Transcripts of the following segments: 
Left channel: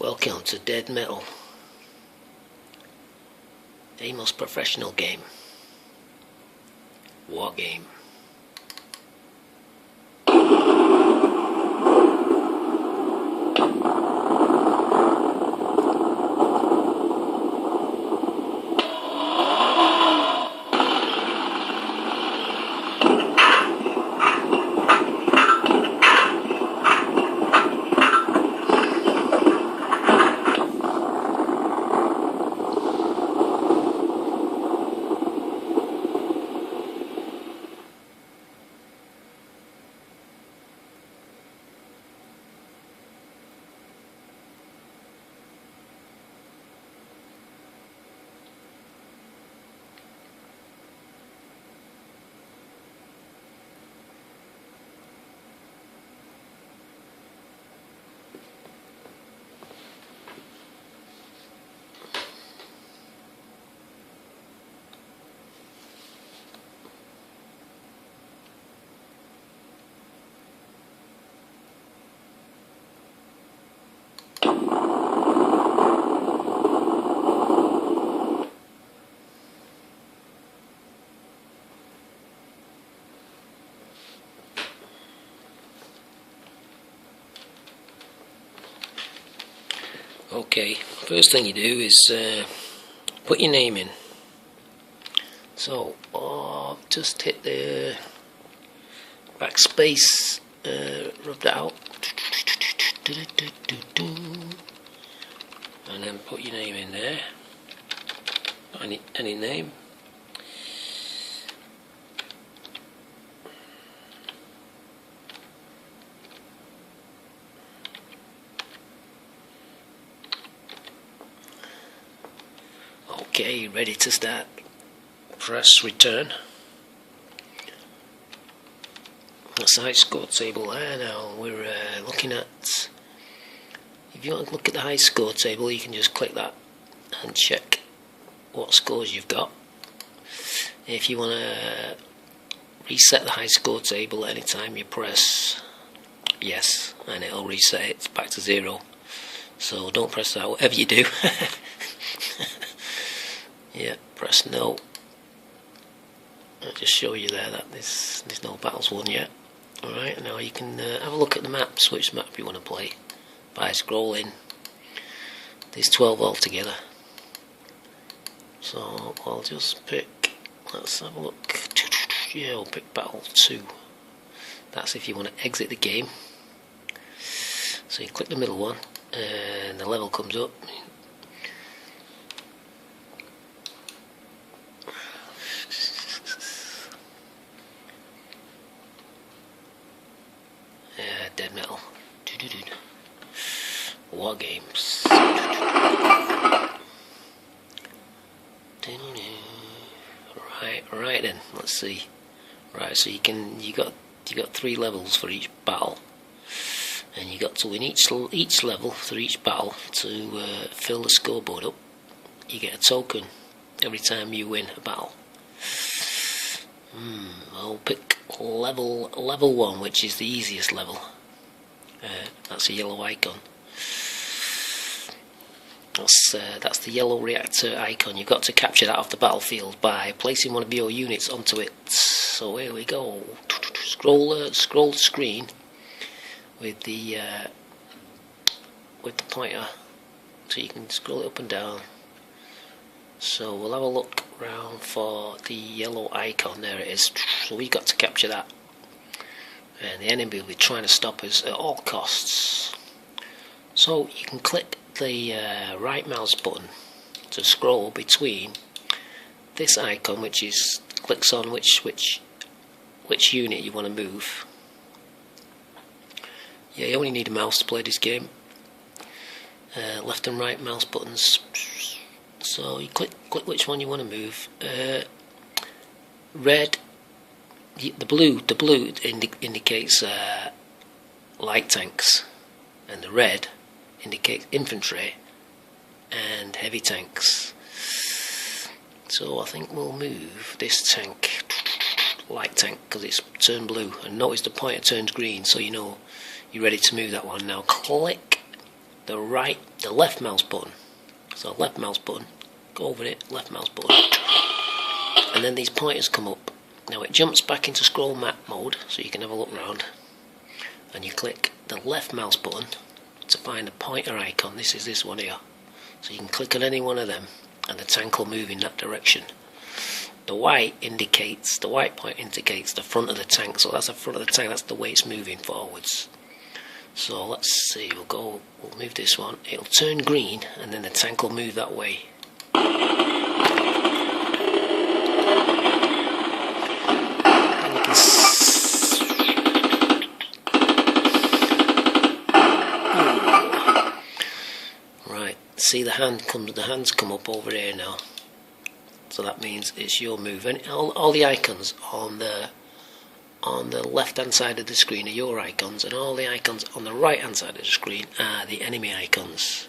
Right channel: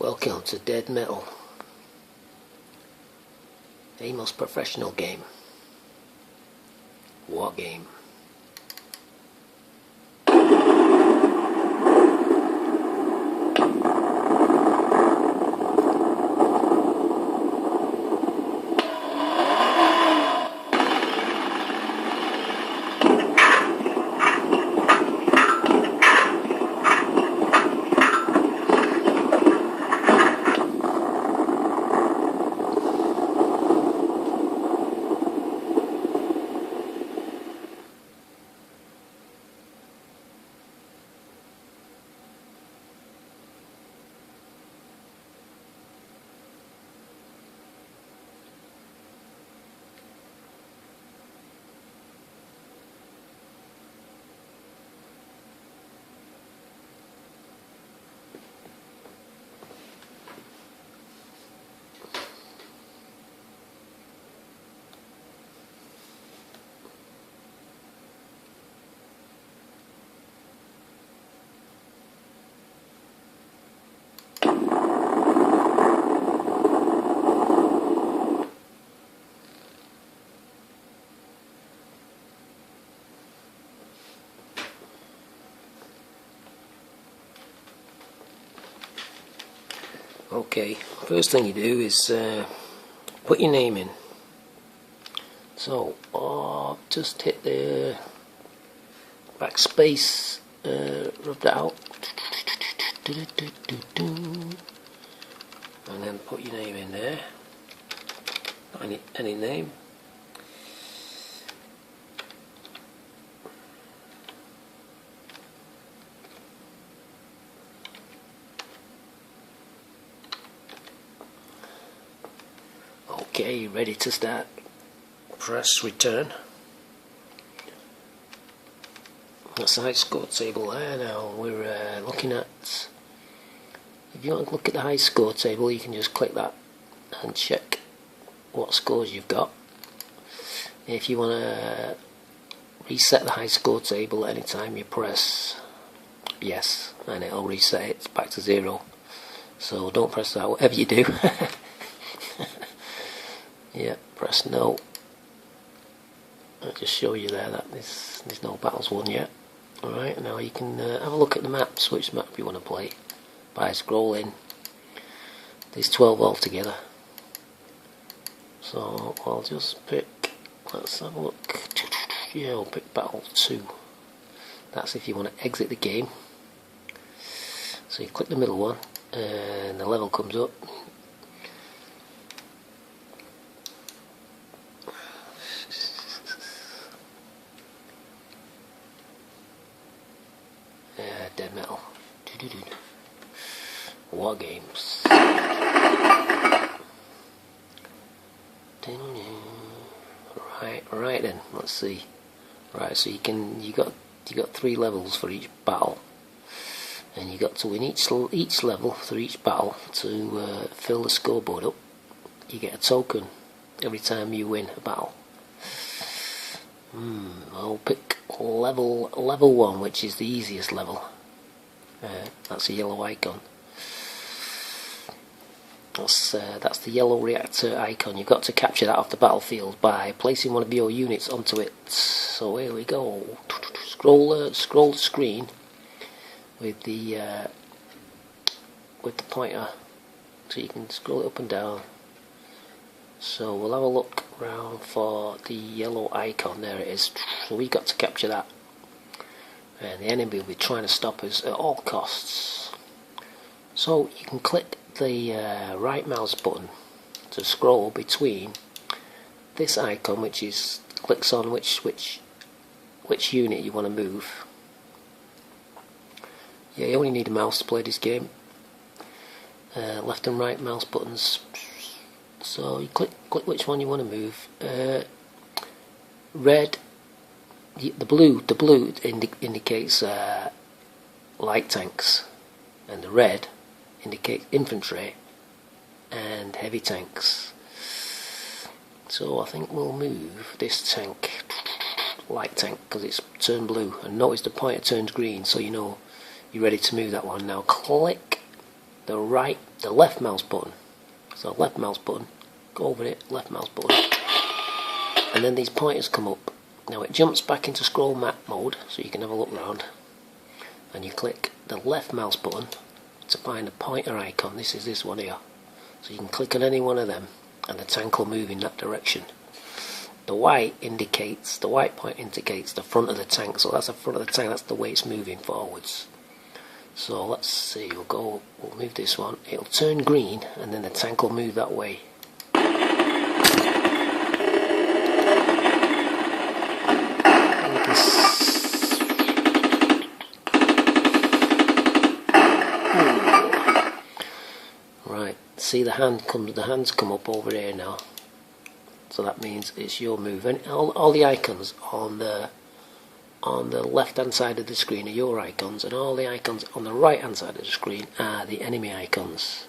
Welcome to Dead Metal, a most professional game. War game. Okay, first thing you do is put your name in. So, just hit the backspace, rub that out, and then put your name in there. Any name. Okay, ready to start. Press return. That's the high score table there. Now we're looking at, if you want to look at the high score table, you can just click that and check what scores you've got. If you want to reset the high score table at any time, you press yes and it'll reset it back to 0. So don't press that, whatever you do. Yeah, press no. I'll just show you there that there's no battles won yet. Alright, now you can have a look at the maps, which map you want to play, by scrolling. There's 12 altogether. So I'll just pick, let's have a look. Yeah, I'll pick Battle 2. That's if you want to exit the game. So you click the middle one, and the level comes up. Dead Metal. War games. Right then. Let's see. Right, so you got 3 levels for each battle, and you got to win each level for each battle to fill the scoreboard up. You get a token every time you win a battle. I'll pick level 1, which is the easiest level. That's a yellow icon. That's the yellow reactor icon. You've got to capture that off the battlefield by placing one of your units onto it. So here we go. Scroll the screen with the pointer, so you can scroll it up and down. So we'll have a look around for the yellow icon. There it is. So we got to capture that, and the enemy will be trying to stop us at all costs. So you can click the right mouse button to scroll between this icon, which is clicks on which unit you want to move. Yeah, you only need a mouse to play this game. Left and right mouse buttons. So you click which one you want to move. Red, the blue indicates light tanks, and the red indicates infantry and heavy tanks. So I think we'll move this tank, light tank, because it's turned blue. And notice the pointer turns green, so you know you're ready to move that one. Now click the left mouse button. So left mouse button, go over it, left mouse button, and then these pointers come up. Now it jumps back into scroll map mode, so you can have a look round, and you click the left mouse button to find the pointer icon. This is this one here. So you can click on any one of them, and the tank will move in that direction. The white point indicates the front of the tank, so that's the front of the tank, that's the way it's moving forwards. So let's see, we'll move this one, it'll turn green, and then the tank will move that way. And you can right, see the hands come up over here now. So that means it's your move. And all the icons on the left hand side of the screen are your icons, and all the icons on the right hand side of the screen are the enemy icons.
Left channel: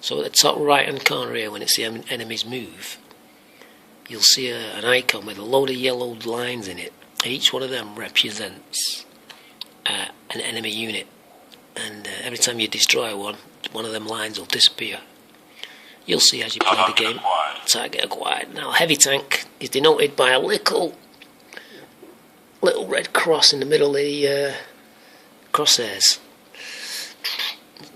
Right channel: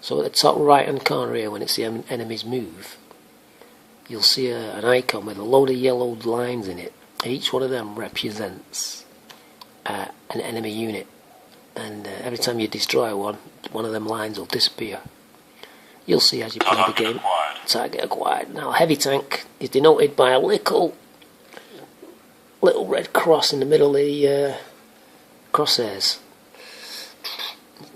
So at the top right hand corner here, when it's the enemy's move, you'll see an icon with a load of yellow lines in it. Each one of them represents an enemy unit, and every time you destroy one of them lines will disappear. You'll see as you play the game. Target acquired. Now heavy tank is denoted by a little red cross in the middle of the crosshairs.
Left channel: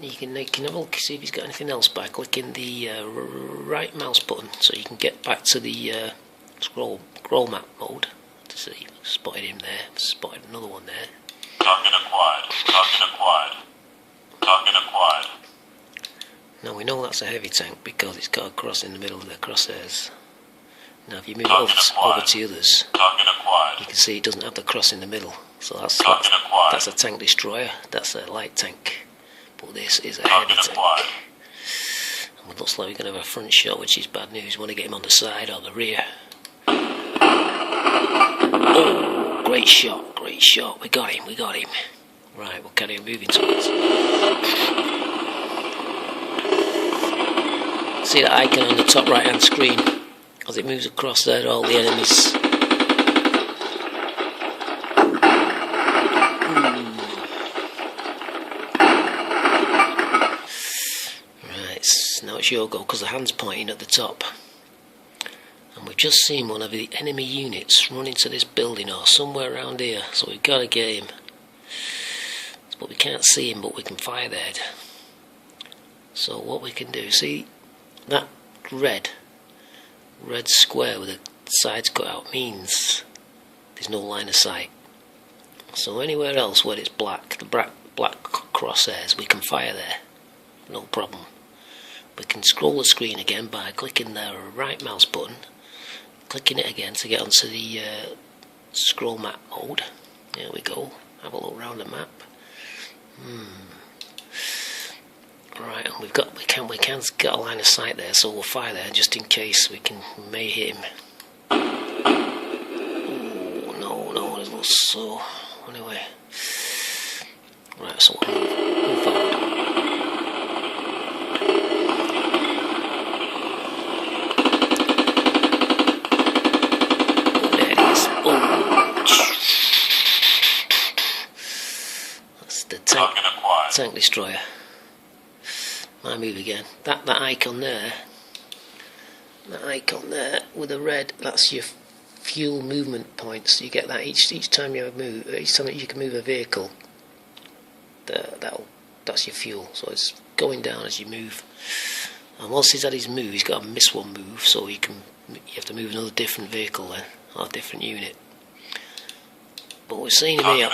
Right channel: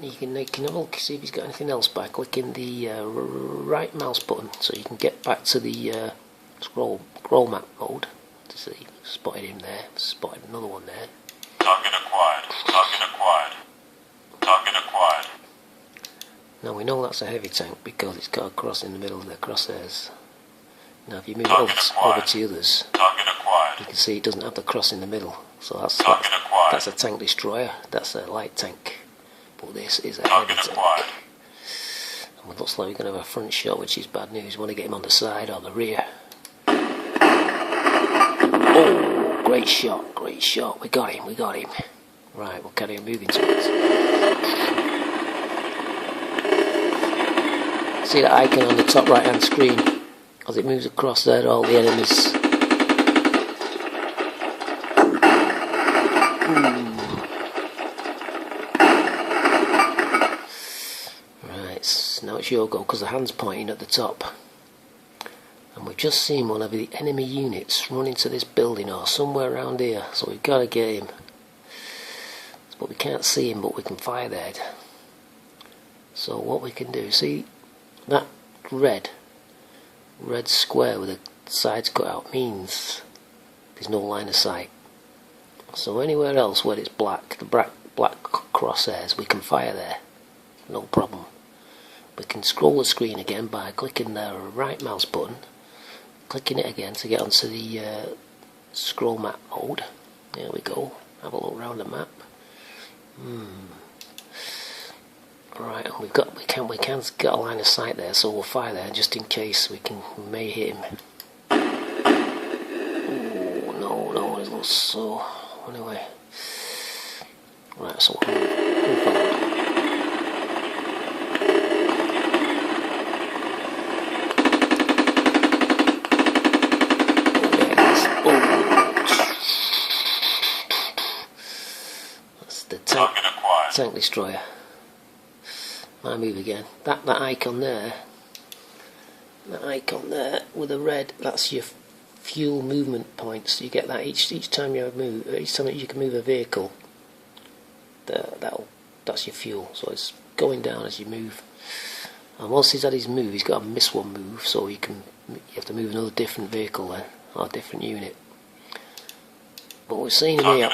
You can have a look, see if he's got anything else by clicking the right mouse button, so you can get back to the scroll map mode. To see, spotted him there. Spotted another one there. Target acquired. Target acquired. Target acquired. Now we know that's a heavy tank because it's got a cross in the middle of the crosshairs. Now if you move it over to the others, you can see it doesn't have the cross in the middle. So that's a tank destroyer, that's a light tank. But this is a heavy tank. And it looks like we're going to have a front shot, which is bad news. We want to get him on the side or the rear. Oh, great shot, great shot. We got him. Right, we'll carry on moving to it. See that icon on the top right hand screen? As it moves across there, all the enemies. Right, now it's your go because the hand's pointing at the top. And we've just seen one of the enemy units run into this building or somewhere around here, so we've got to get him. But we can't see him, but we can fire there. So what we can do, see that red square with the sides cut out means there's no line of sight. So anywhere else where it's black, the black crosshairs, we can fire there, no problem. We can scroll the screen again by clicking the right mouse button, clicking it again to get onto the scroll map mode. There we go, have a look around the map. Right, and we can get a line of sight there, so we'll fire there just in case we may hit him. Oh no, it looks so. Anyway, right, so we'll move forward. Oh, there it is. Oh, that's the tank destroyer. My move again. That icon there with the red, that's your fuel movement points. You get that each time you move, each time you can move a vehicle. That's your fuel. So it's going down as you move. And once he's had his move, he's got to miss one move, so you have to move another different vehicle then, or a different unit. But we've seen him here,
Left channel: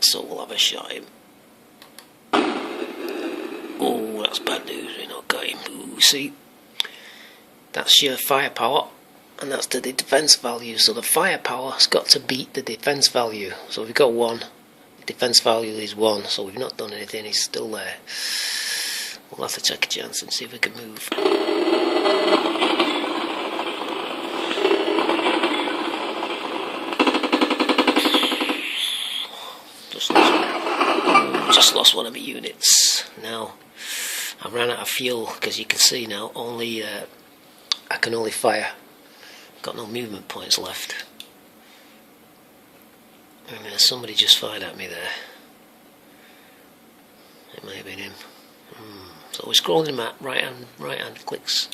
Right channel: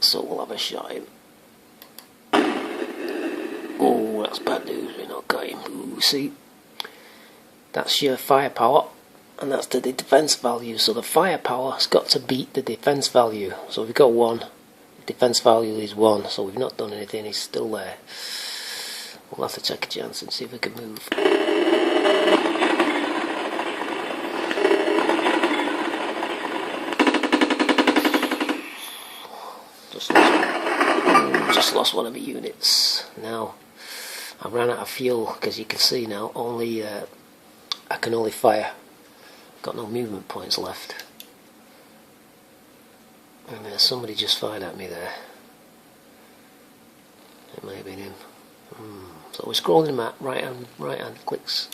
so we'll have a shot at him. Oh, that's bad news, we're not got him. Ooh, see, that's your firepower, and that's the defense value. So the firepower's got to beat the defense value. So we've got 1, the defense value is 1, so we've not done anything, he's still there. We'll have to take a chance and see if we can move. Just lost one of my units. Now I ran out of fuel because you can see now I can only fire. Got no movement points left. And somebody just fired at me there. It may have been him. So we're scrolling the map, right hand clicks.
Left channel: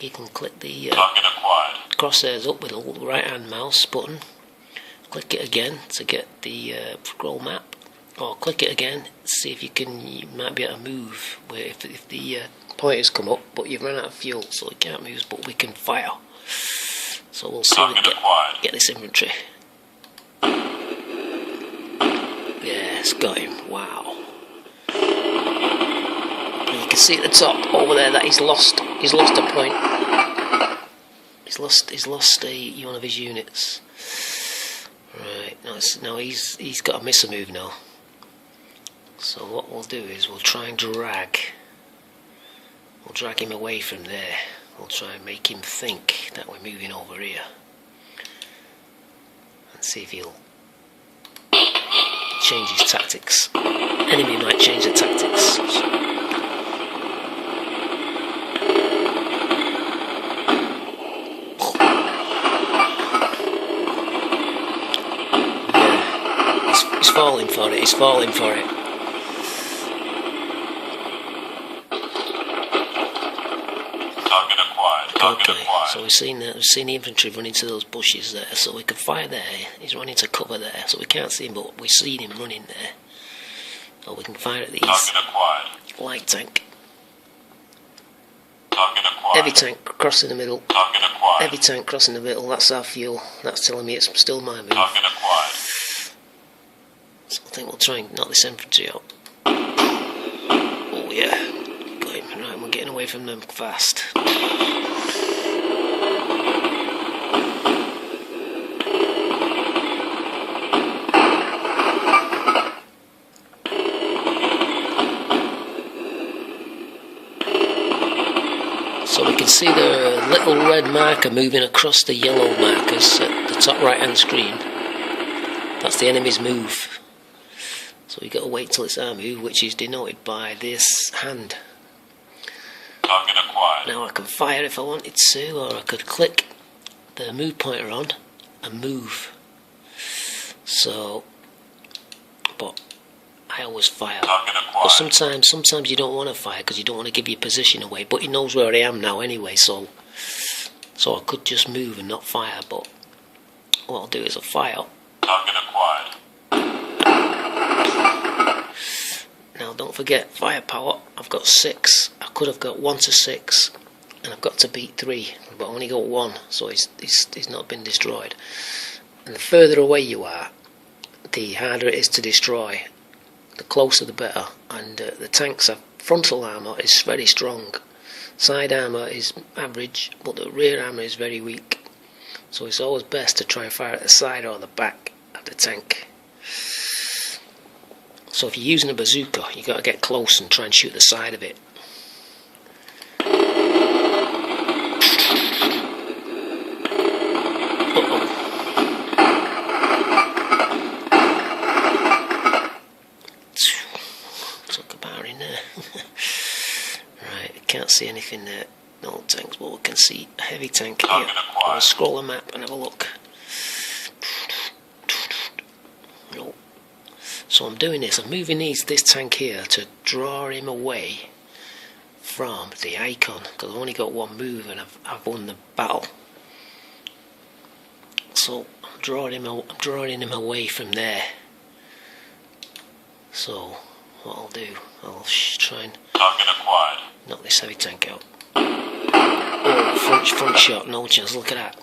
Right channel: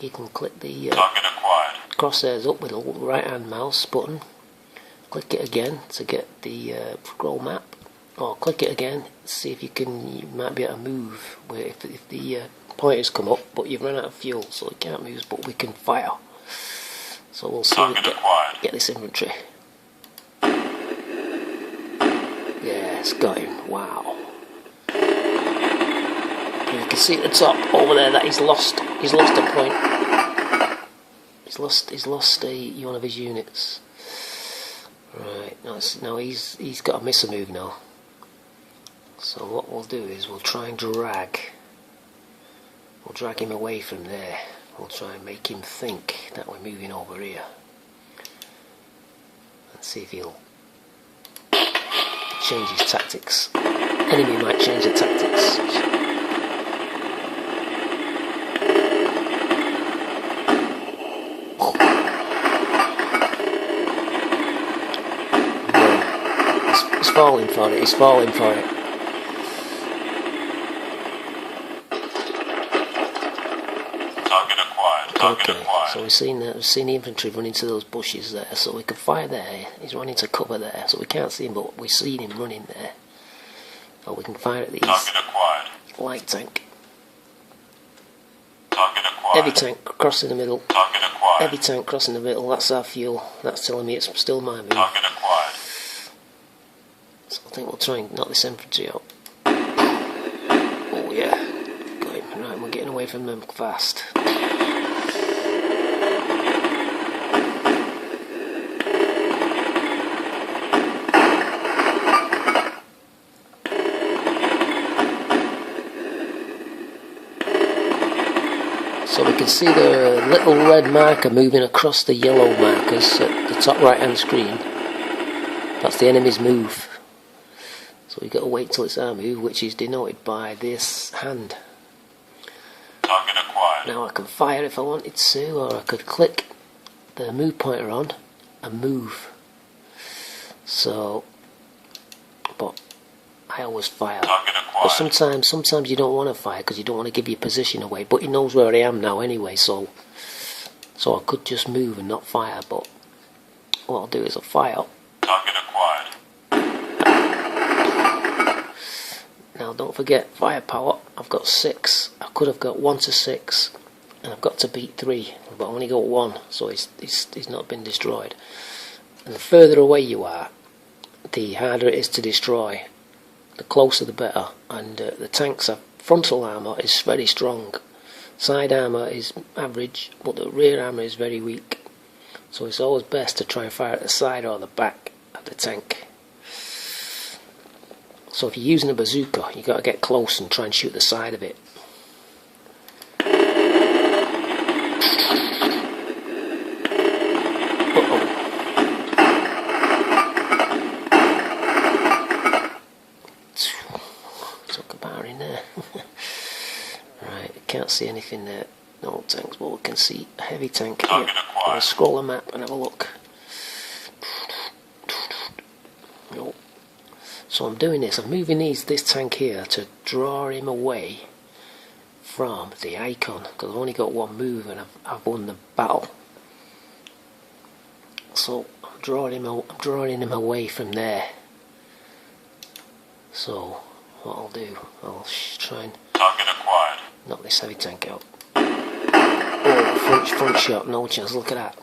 You can click the Target acquired. crosshairs up with the right hand mouse button. Click it again to get the scroll map, or click it again, see if you might be able to move where if the pointers come up, but you've run out of fuel, so we can't move, but we can fire. So we'll see if we get this inventory. Yeah, it's got him. Wow. And you can see at the top over there that he's lost a point. He's lost one of his units. Right, now he's got to miss a move now. So what we'll do is we'll try and drag him away from there. We'll try and make him think that we're moving over here. And see if he'll change his tactics. Enemy might change the tactics. He's falling for it, he's falling for it. Target acquired. Target acquired. So we've seen the infantry run into those bushes there, so we can fire there. He's running to cover there, so we can't see him, but we've seen him running there. Or we can fire at these. Target acquired. Light tank. Target acquired. Heavy tank crossing the middle. Target acquired. Heavy tank crossing the middle, that's our fuel. That's telling me it's still my move. Target acquired. So I think we'll try and knock this infantry out. Oh yeah, got him. Right, we're getting away from them fast. So we can see the little red marker moving across the yellow markers at the top right hand screen. That's the enemy's move. So we've got to wait till it's our move, which is denoted by this hand. Target acquired. Now I can fire if I wanted to, or I could click the move pointer on and move. So, but I always fire. Target acquired. But sometimes you don't want to fire because you don't want to give your position away. But he knows where I am now anyway, so I could just move and not fire. But what I'll do is I'll fire. Target acquired. Now don't forget firepower. I've got 6. I could have got 1 to 6, and I've got to beat 3, but I only got 1, so he's not been destroyed. And the further away you are, the harder it is to destroy. The closer the better. And the tanks have frontal armour is very strong. Side armour is average, but the rear armour is very weak. So it's always best to try and fire at the side or the back of the tank. So if you're using a bazooka, you've got to get close and try and shoot the side of it. Took a bar in there. Right, can't see anything there. No tanks, but we can see a heavy tank here. I'll scroll the map and have a look. No. So I'm doing this. I'm moving this tank here to draw him away from the icon, because I've only got 1 move and I've won the battle. So I'm drawing him away from there. So what I'll do, I'll try and knock this heavy tank out. Oh, front shot, no chance. Look at that.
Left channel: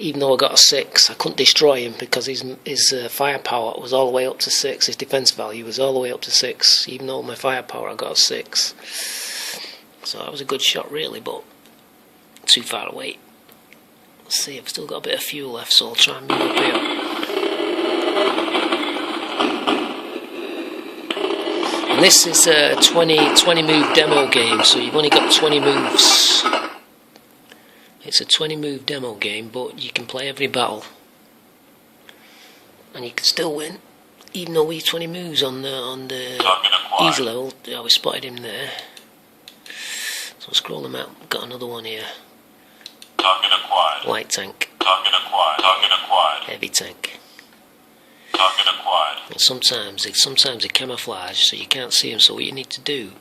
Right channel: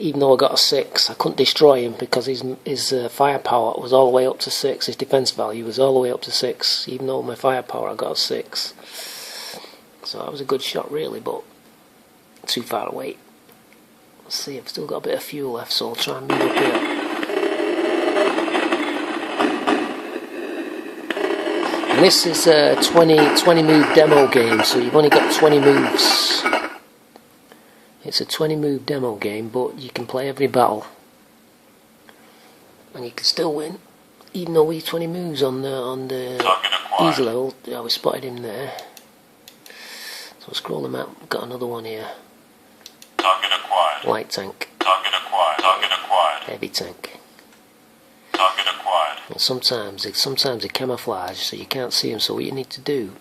Even though I got a 6, I couldn't destroy him because his firepower was all the way up to 6. His defense value was all the way up to 6. Even though my firepower I got a 6. So that was a good shot really, but too far away. Let's see, I've still got a bit of fuel left, so I'll try and move up here. And this is a 20 move demo game, so you've only got 20 moves. It's a 20 move demo game, but you can play every battle and you can still win, even though we have 20 moves on the easy level. Yeah, we spotted him there. So scroll the map. Got another one here. Target acquired. Light tank. Target acquired. Target acquired. Heavy tank. Target acquired. And sometimes they camouflage so you can't see them. So what you need to do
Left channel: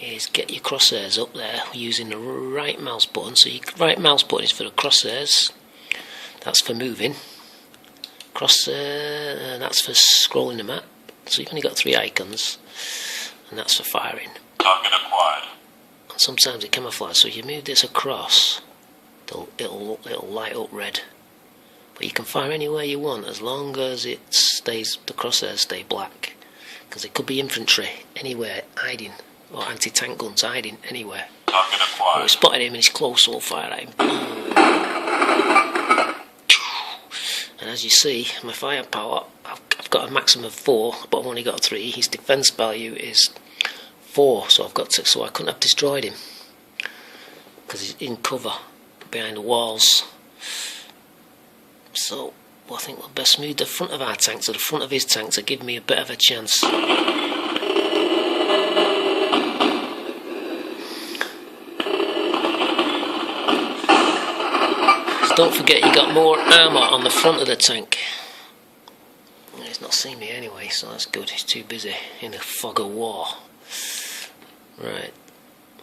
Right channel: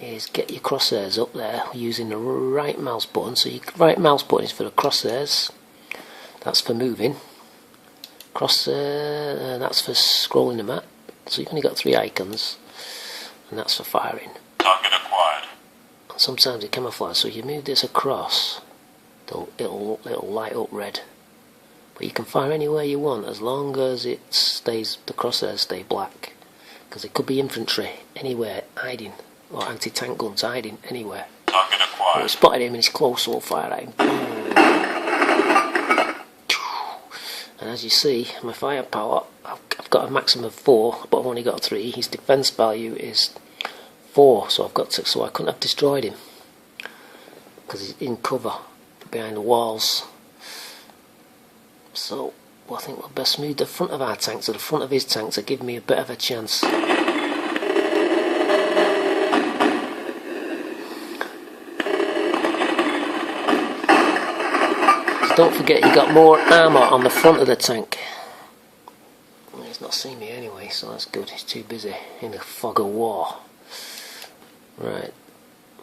is get your crosshairs up there using the right mouse button. So your right mouse button is for the crosshairs. That's for moving. Crosshair, that's for scrolling the map. So you've only got 3 icons, and that's for firing. Target acquired. And sometimes it camouflages. So if you move this across, it'll light up red. But you can fire anywhere you want as long as the crosshairs stay black. Because it could be infantry anywhere hiding, or anti-tank guns hiding anywhere. Target acquired. We spotted him and he's close, so we'll fire at him. And as you see, my firepower, I've got a maximum of 4, but I've only got 3. His defense value is 4, so I couldn't have destroyed him because he's in cover behind the walls. So I think we'll best move the front of our tank to the front of his tank to give me a bit of a chance. So don't forget you got more armour on the front of the tank. He's not seen me anyway, so that's good. He's too busy in the fog of war. Right.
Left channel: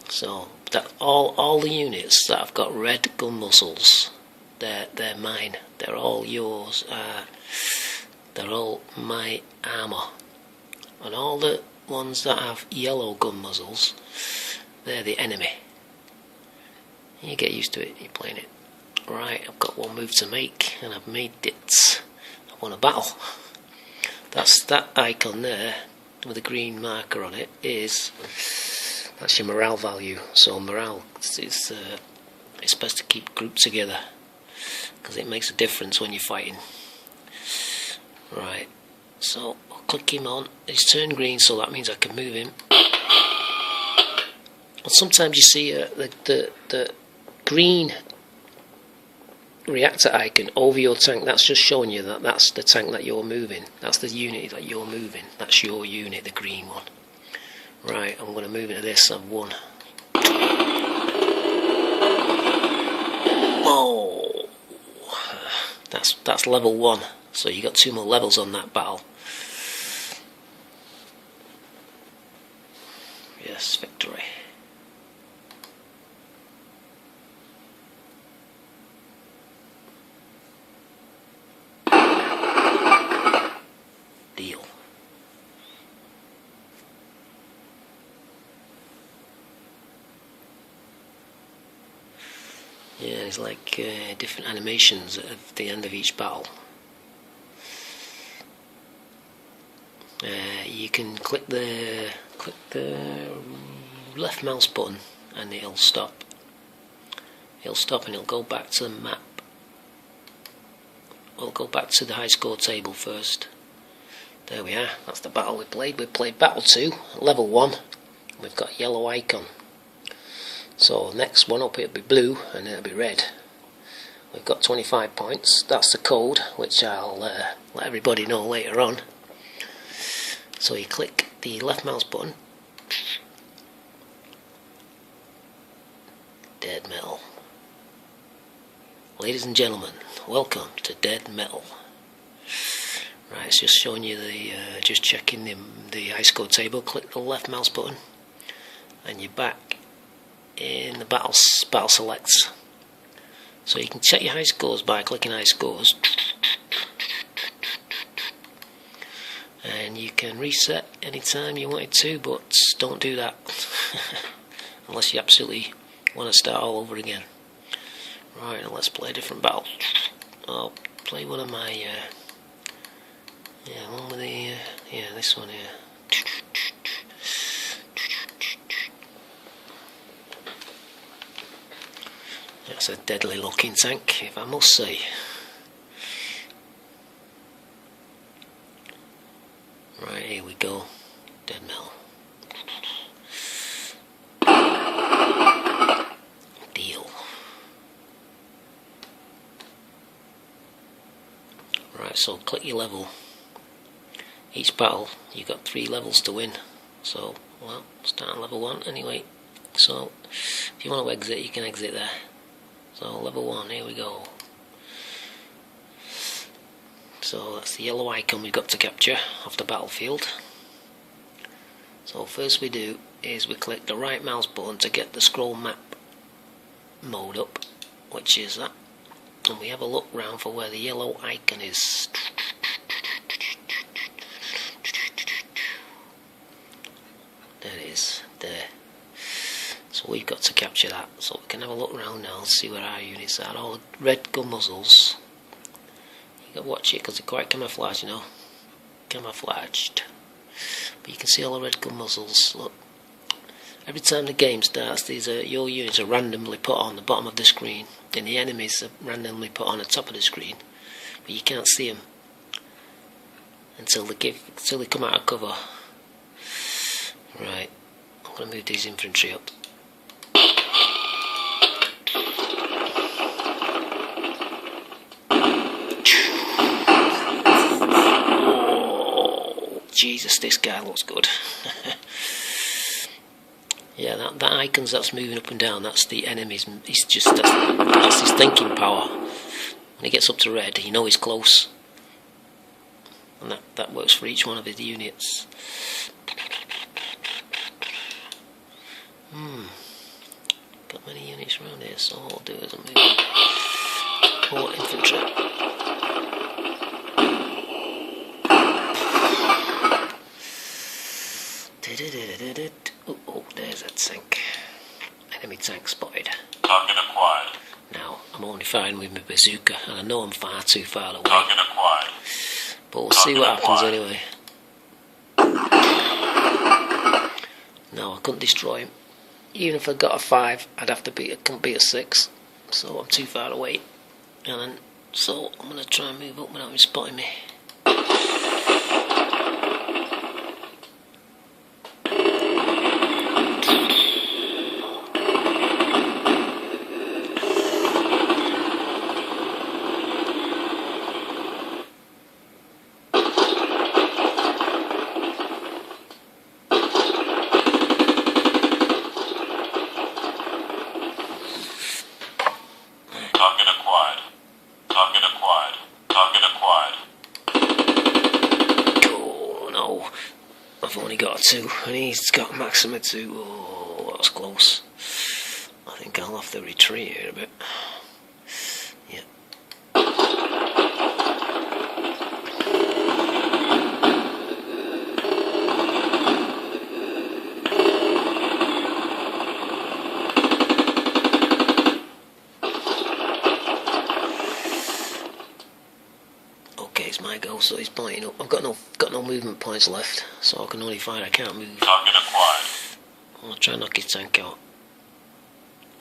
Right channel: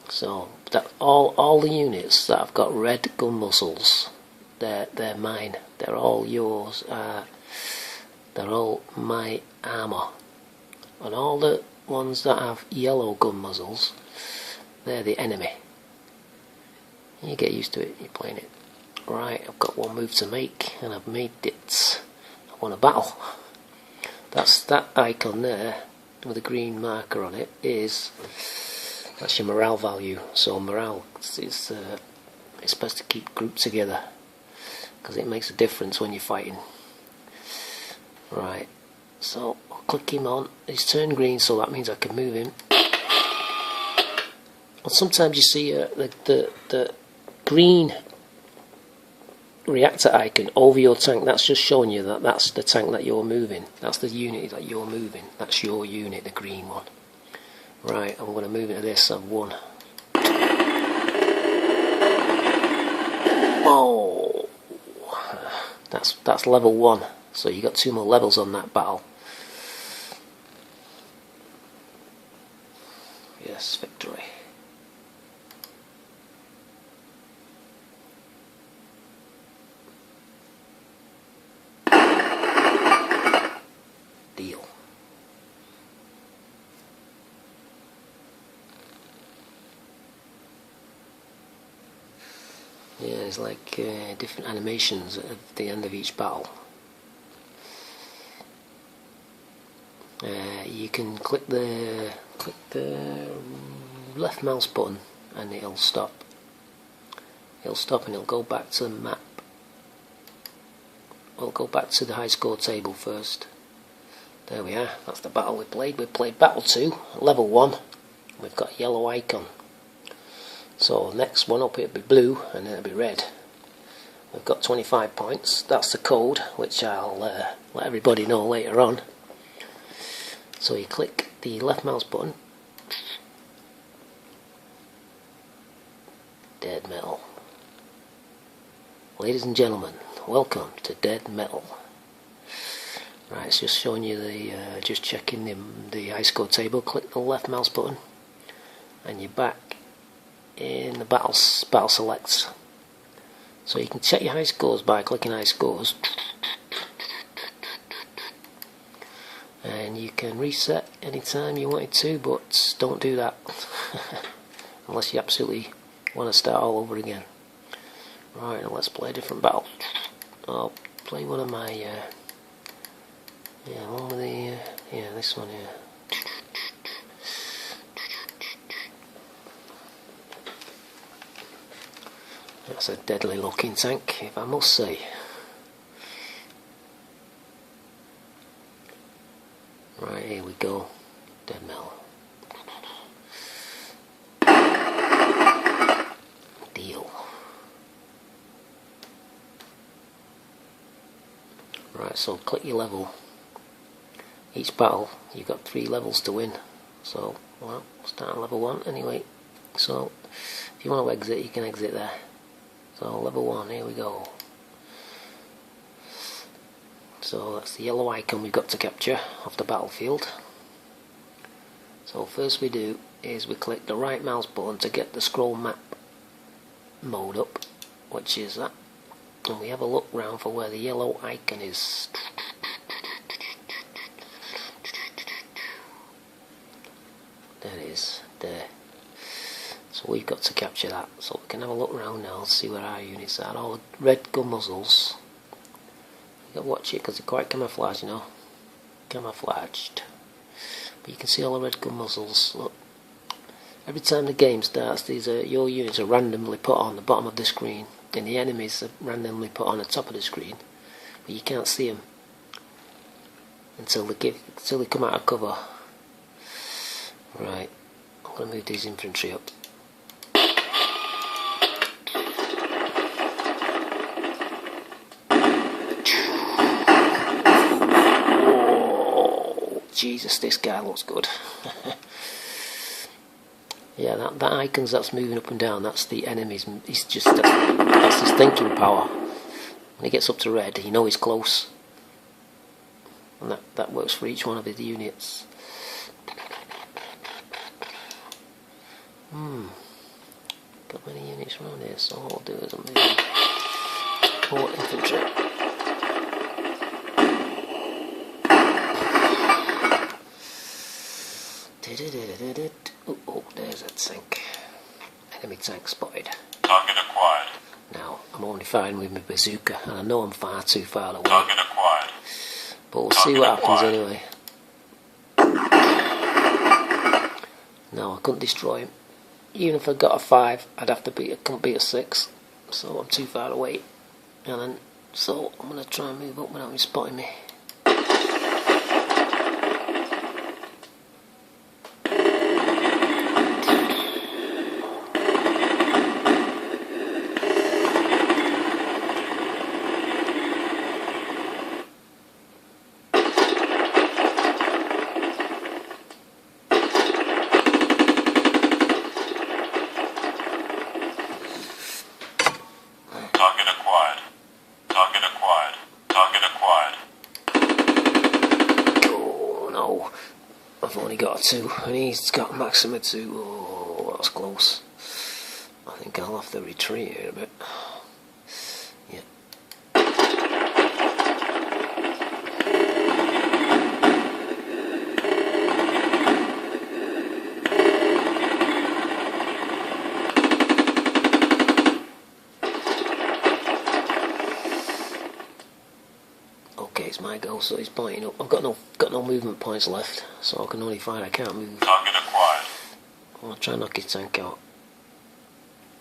So that all the units that have got red gun muzzles, they're mine. They're all yours. They're all my armour. And all the ones that have yellow gun muzzles, they're the enemy. You get used to it. You're playing it. Right. I've got one move to make, and I've made it. I won a battle. That icon there with a green marker on it that's your morale value. So morale is it's best to keep groups together because it makes a difference when you're fighting. Right, so I'll click him on. He's turned green, so that means I can move him. But sometimes you see the green reactor icon over your tank. That's just showing you that that's the tank that you're moving. That's the unit that you're moving. That's your unit, the green one. Right, I'm going to move into this. I've won. Oh, that's level 1. So you got 2 more levels on that battle. Yes, victory. Deal. Yeah, it's like different animations at the end of each battle. You can click the left mouse button and it'll stop. It'll stop and it'll go back to the map. We'll go back to the high score table first. There we are. That's the battle we played. We played battle 2, level 1. We've got a yellow icon. So next one up it'll be blue and it'll be red. We've got 25 points. That's the code, which I'll let everybody know later on. So you click the left mouse button. Dead Metal. Ladies and gentlemen, welcome to Dead Metal. Right, it's just showing you just checking the high score table. Click the left mouse button and you're back in the battle selects. So you can check your high scores by clicking high scores, and you can reset anytime you wanted to, but don't do that unless you absolutely want to start all over again. Right, now let's play a different battle. I'll play one of my one with the this one here. That's a deadly looking tank, if I must say. Right, here we go. Dead Metal. Deal. Right, so click your level. Each battle, you've got 3 levels to win. So, well, start on level 1 anyway. So, if you want to exit, you can exit there. So level 1, here we go. So that's the yellow icon we've got to capture off the battlefield. So first we do is we click the right mouse button to get the scroll map mode up, which is that, and we have a look round for where the yellow icon is. There it is, there. So we've got to capture that, so we can have a look around now and see where our units are. All the red gun muzzles, you got to watch it because they're quite camouflaged, you know, camouflaged. But you can see all the red gun muzzles. Look, every time the game starts, these are your units are randomly put on the bottom of the screen, and the enemies are randomly put on the top of the screen, but you can't see them until they come out of cover. Right, I'm going to move these infantry up. Oh, Jesus, this guy looks good. Yeah, that icons that's moving up and down, that's the enemies. He's just that's his thinking power. When he gets up to red, you know he's close, and that works for each one of his units. Got many units around here, so all I'll do is I'll move more infantry. Oh, there's that tank. Enemy tank spotted. Target acquired. Now, I'm only firing with my bazooka, and I know I'm far too far away. Target acquired. But we'll see what happens anyway. No, I couldn't destroy him. Even if I got a 5, I couldn't beat a 6. So I'm too far away. And then, so I'm going to try and move up without him spotting me. Target acquired. Target acquired. Target acquired. Oh no, I've only got a 2 and he's got a maximum of 2. Oh, that was close. I think I'll have to retreat here a bit. Yeah. Okay, it's my goal, so he's pointing up. I've got no movement points left, so I can only fire. I can't move. Target acquired. I'll try and knock his tank out.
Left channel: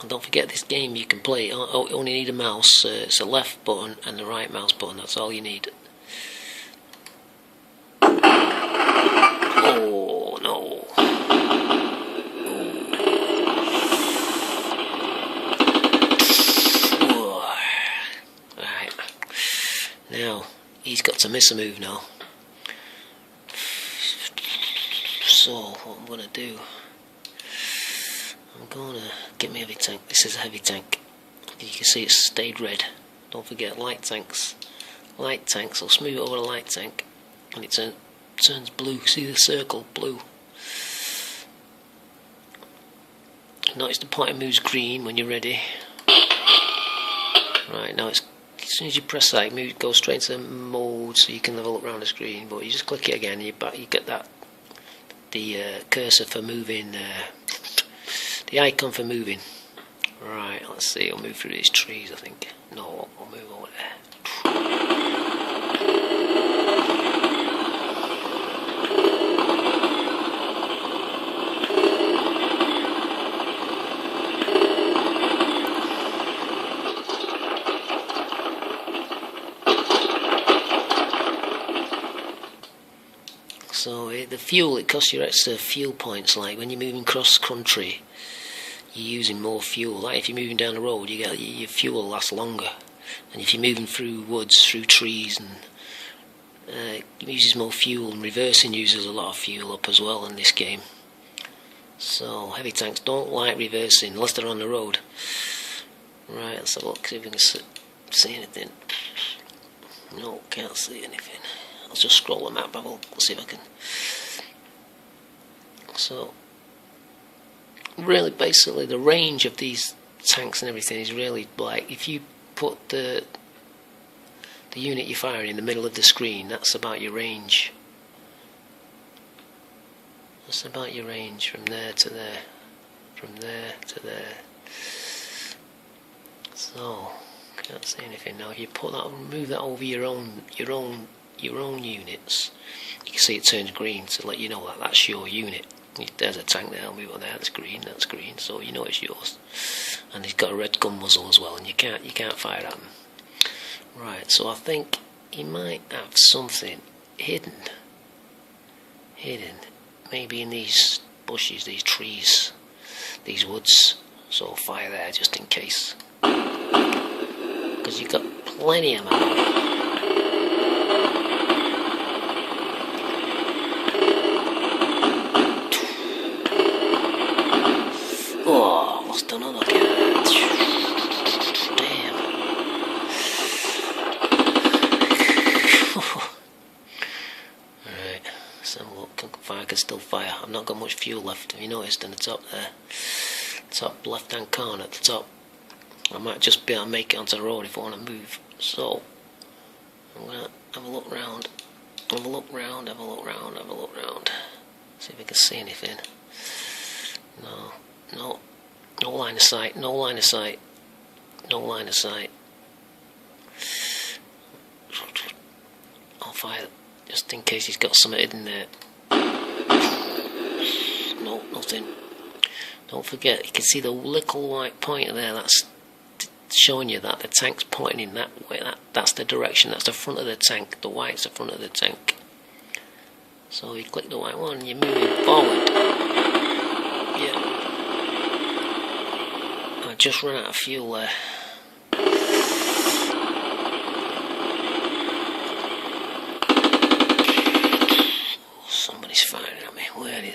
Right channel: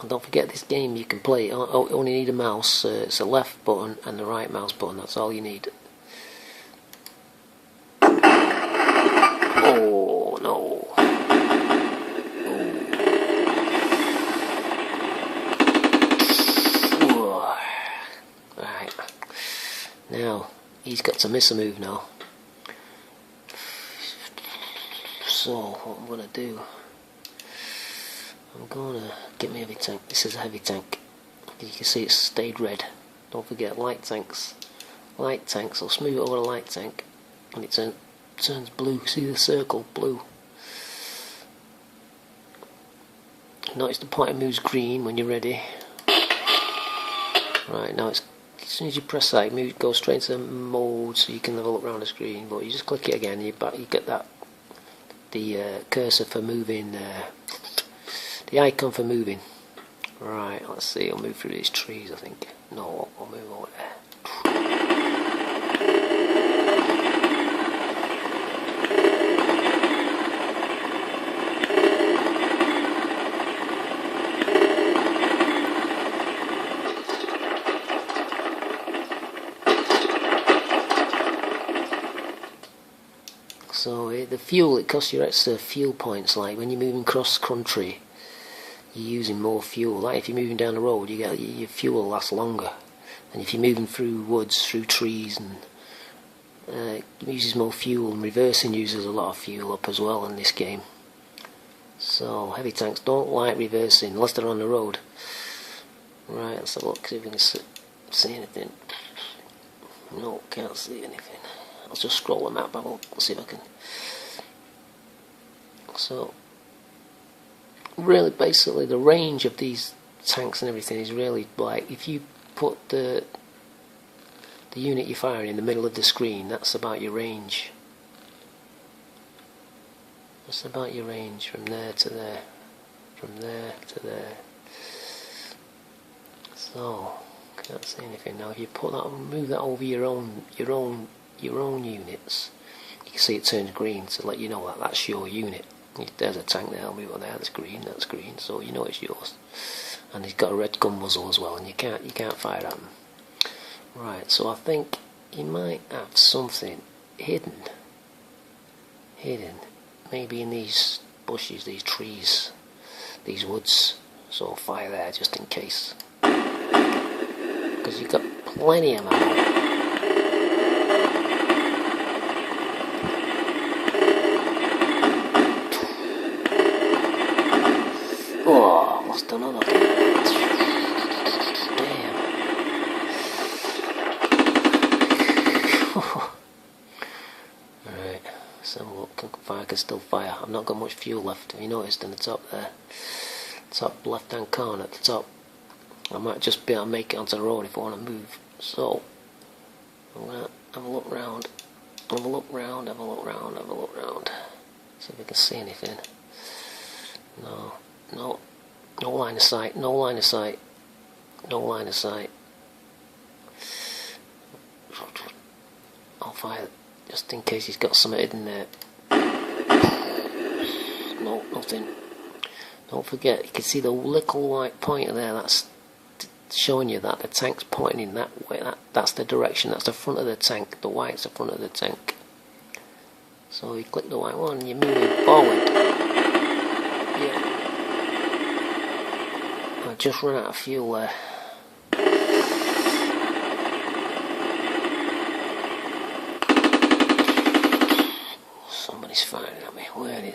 And don't forget, this game you can play. You only need a mouse. It's a left button and the right mouse button. That's all you need. Oh no! Oh. Right. Now he's got to miss a move now. So what I'm gonna do? I'm gonna get me a heavy tank. This is a heavy tank. You can see it's stayed red. Don't forget light tanks. Light tanks. I'll smooth it over the light tank, and it turns blue. See the circle, blue. Notice the pointer moves green when you're ready. Right now, as soon as you press that, it goes straight into mode, so you can have a look around the screen. But you just click it again, and you get that the cursor for moving. The icon for moving. Right, let's see, I'll move through these trees, I think. No, I'll move over there. So the fuel, it costs you extra fuel points, like when you're moving cross country. You're using more fuel. Like if you're moving down the road, your fuel lasts longer. And if you're moving through woods, through trees, and it uses more fuel. And reversing uses a lot of fuel up as well in this game. So heavy tanks don't like reversing unless they're on the road. Right, let's have a look, see if we can see anything. No, can't see anything. I'll just scroll the map. Let's see if I can. So, really, basically, the range of these tanks and everything is really like if you put the unit you're firing in the middle of the screen, that's about your range. That's about your range from there to there, from there to there. So, can't see anything now. If you put that, move that over your own units, you can see it turns green to let you know that that's your unit. There's a tank there. I'll move on there. That's green. That's green. So you know it's yours. And he's got a red gun muzzle as well, and you can't fire at him. Right. So I think he might have something hidden. Maybe in these bushes, these trees, these woods. So I'll fire there just in case. Because you've got plenty of ammo. Oh, lost another. Damn. Alright, let's have a look. I can still fire. I've not got much fuel left. Have you noticed in the top there? Top left hand corner at the top. I might just be able to make it onto the road if I want to move. So, I'm going to have a look round. Have a look round. See if I can see anything. No line of sight. I'll fire just in case he's got something hidden there. No, nothing. Don't forget, you can see the little white pointer there. That's showing you that the tank's pointing in that way. That's the direction. That's the front of the tank. The white's the front of the tank. So you click the white one, you're moving forward. Yeah. I just run out of fuel there. Somebody's firing at me. Where is he?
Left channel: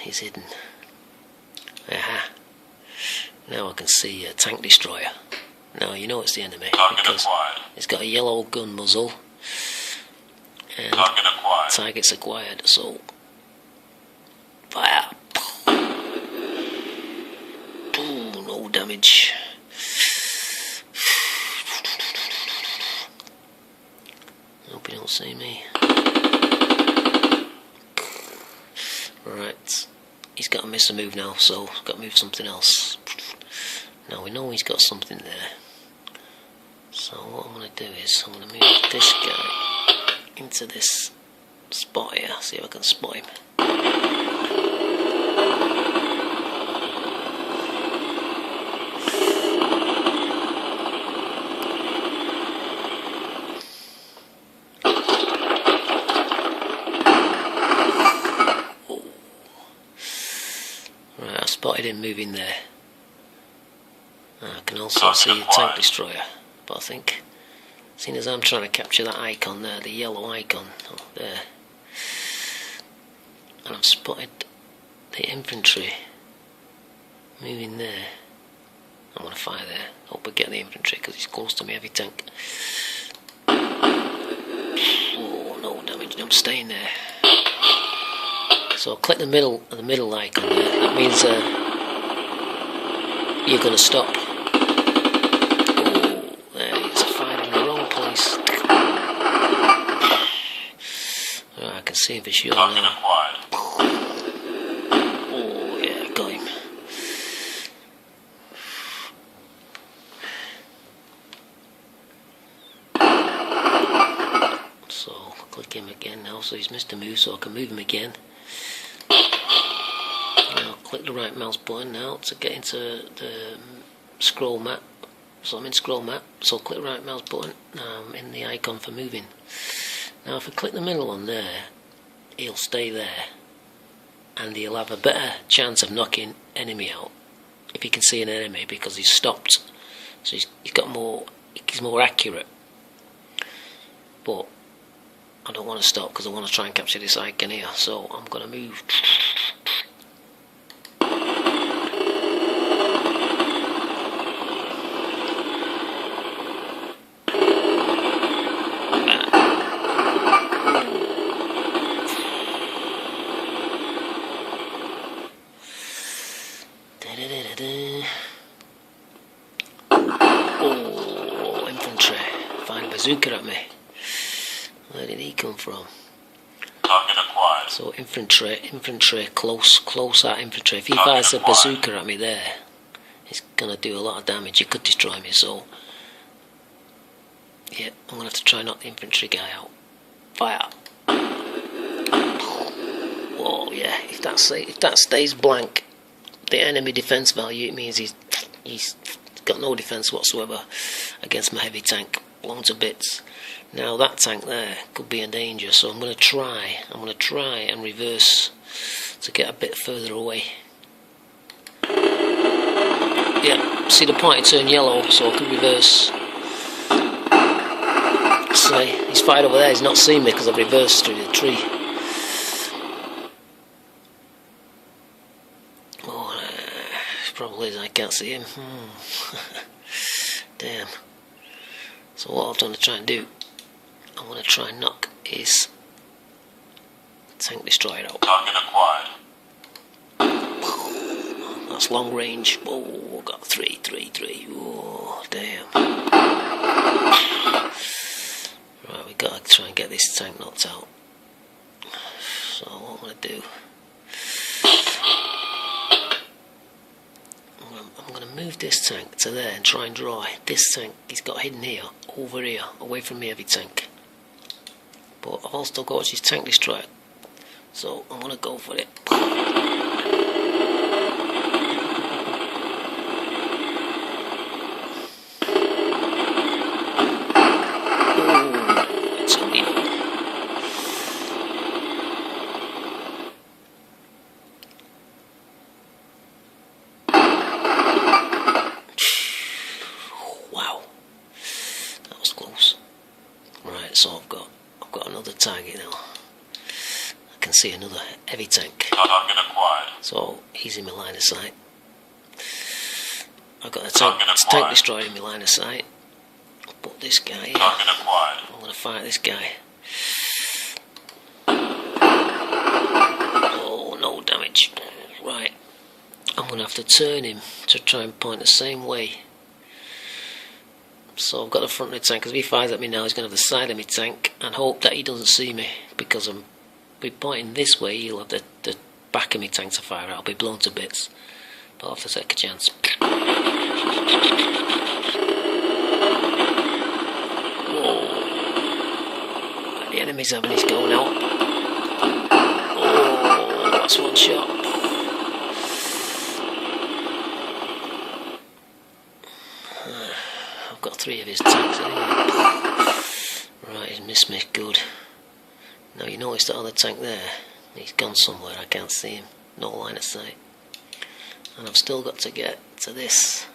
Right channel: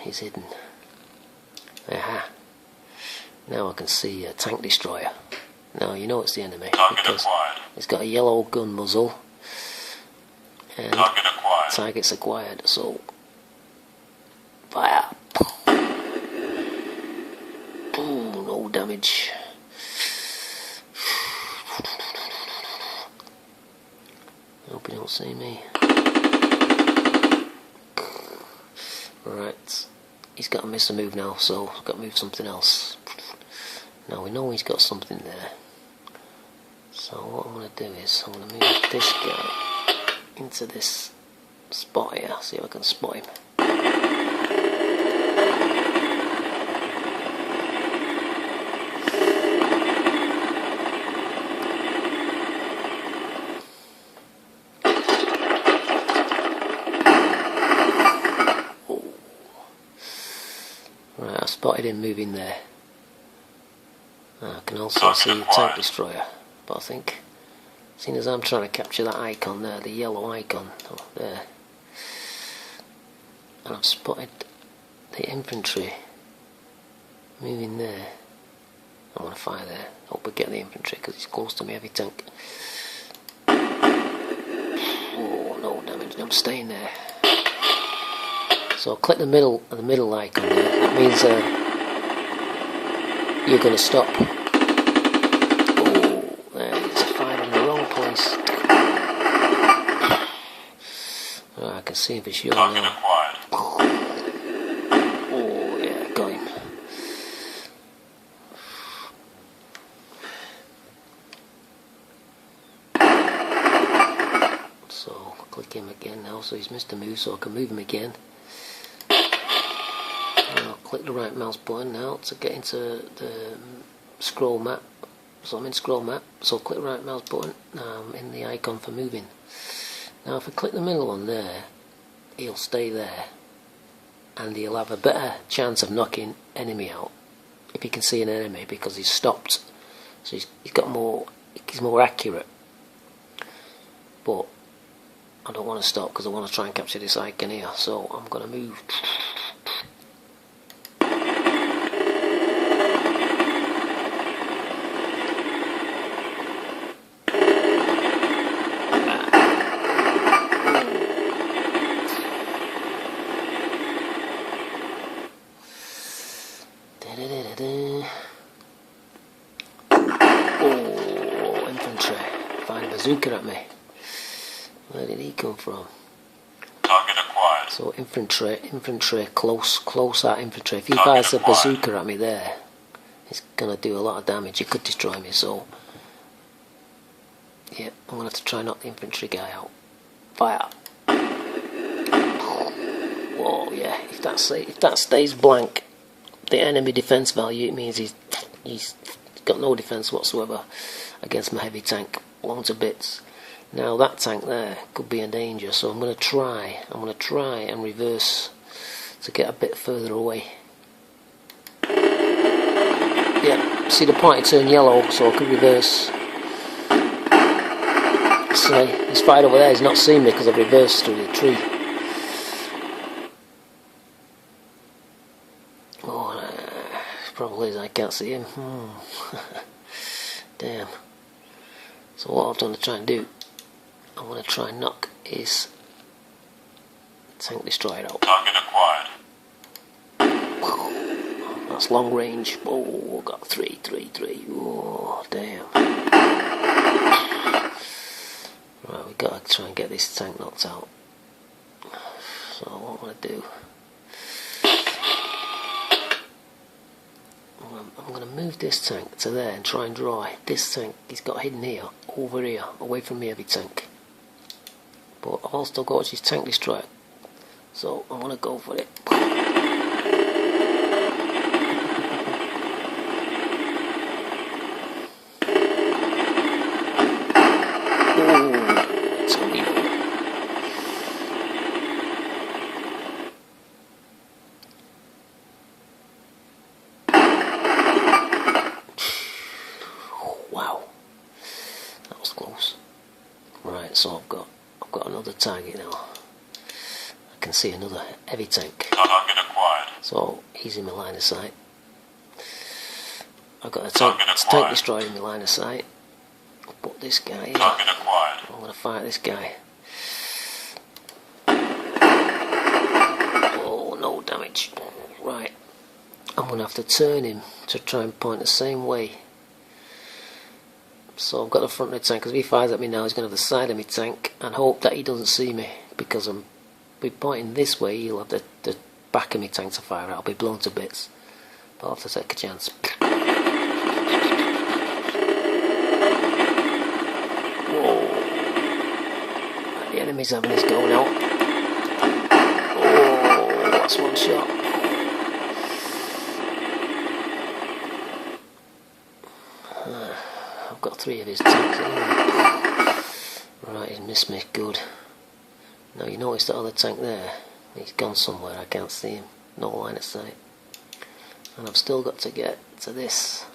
He's hidden. Aha. Now I can see a tank destroyer. Now you know it's the enemy because it's got a yellow gun muzzle and target's acquired. So fire. Ooh, no damage. Hope you don't see me. Right, he's got to miss a move now, so I've got to move something else. Now we know he's got something there. So what I'm going to do is I'm going to move this guy into this spot here. See if I can spot him. Right, I spotted him moving there. I can also see the tank destroyer, but I think, seeing as I'm trying to capture that icon there, the yellow icon, there, and I've spotted the infantry moving there, I'm going to fire there. Hope I get the infantry because he's close to me heavy tank. Oh, no damage, I'm staying there. So I'll click the middle icon there. That means you're going to stop. Oh, there it's a fire in the wrong place. Oh, I can see him for sure now. Oh yeah, got him. So click him again now. So he's missed a move, so I can move him again. I'll click the right mouse button now to get into the scroll map. So I'm in scroll map, so click the right mouse button. Now I'm in the icon for moving. Now if I click the middle one there, he'll stay there and he'll have a better chance of knocking enemy out if he can see an enemy because he's stopped. So he's more accurate. But I don't want to stop because I want to try and capture this icon here, so I'm going to move. bazooka at me. Where did he come from? Target acquired. So infantry, close at infantry. If he fires a bazooka at me there, it's gonna do a lot of damage. He could destroy me. So yeah, I'm gonna have to try and knock the infantry guy out. Fire! Whoa, yeah. If that stays blank, the enemy defense value, it means he's got no defense whatsoever against my heavy tank. Blown to bits. Now that tank there could be in danger, so I'm gonna try and reverse to get a bit further away. Yeah, see the pointer turn yellow, so I could reverse. See, he's fired over there, he's not seen me because I've reversed through the tree. Oh, probably is, I can't see him. Damn. So what I've done to try and do, I'm going to try and knock his tank destroyer out. Target acquired. That's long range. Oh, got three. Oh, damn. Right, we've got to try and get this tank knocked out. So what I'm going to do, I'm going to move this tank to there and try and draw this tank. He's got hidden here, over here, away from me heavy tank. But I've also got his tank destroyer, so I'm going to go for it. Wow, that was close. Right, so I've got another target now. I can see another heavy tank. Target acquired. So he's in my line of sight. I've got a tank destroyed in my line of sight. I'll put this guy here. Target acquired. I'm going to fight this guy. Oh, no damage. Right, I'm going to have to turn him to try and point the same way. So I've got the front of the tank, because if he fires at me now, he's going to have the side of my tank, and hope that he doesn't see me, because I'm pointing this way, he'll have the back of my tank to fire at. I'll be blown to bits, but I'll have to take a chance. Whoa. The enemy's having his go now. Oh, that's one shot. I've got 3 of his tanks anyway. Right, he's missed me, good. Now you notice that other tank there, he's gone somewhere, I can't see him, no line of sight. And I've still got to get to this.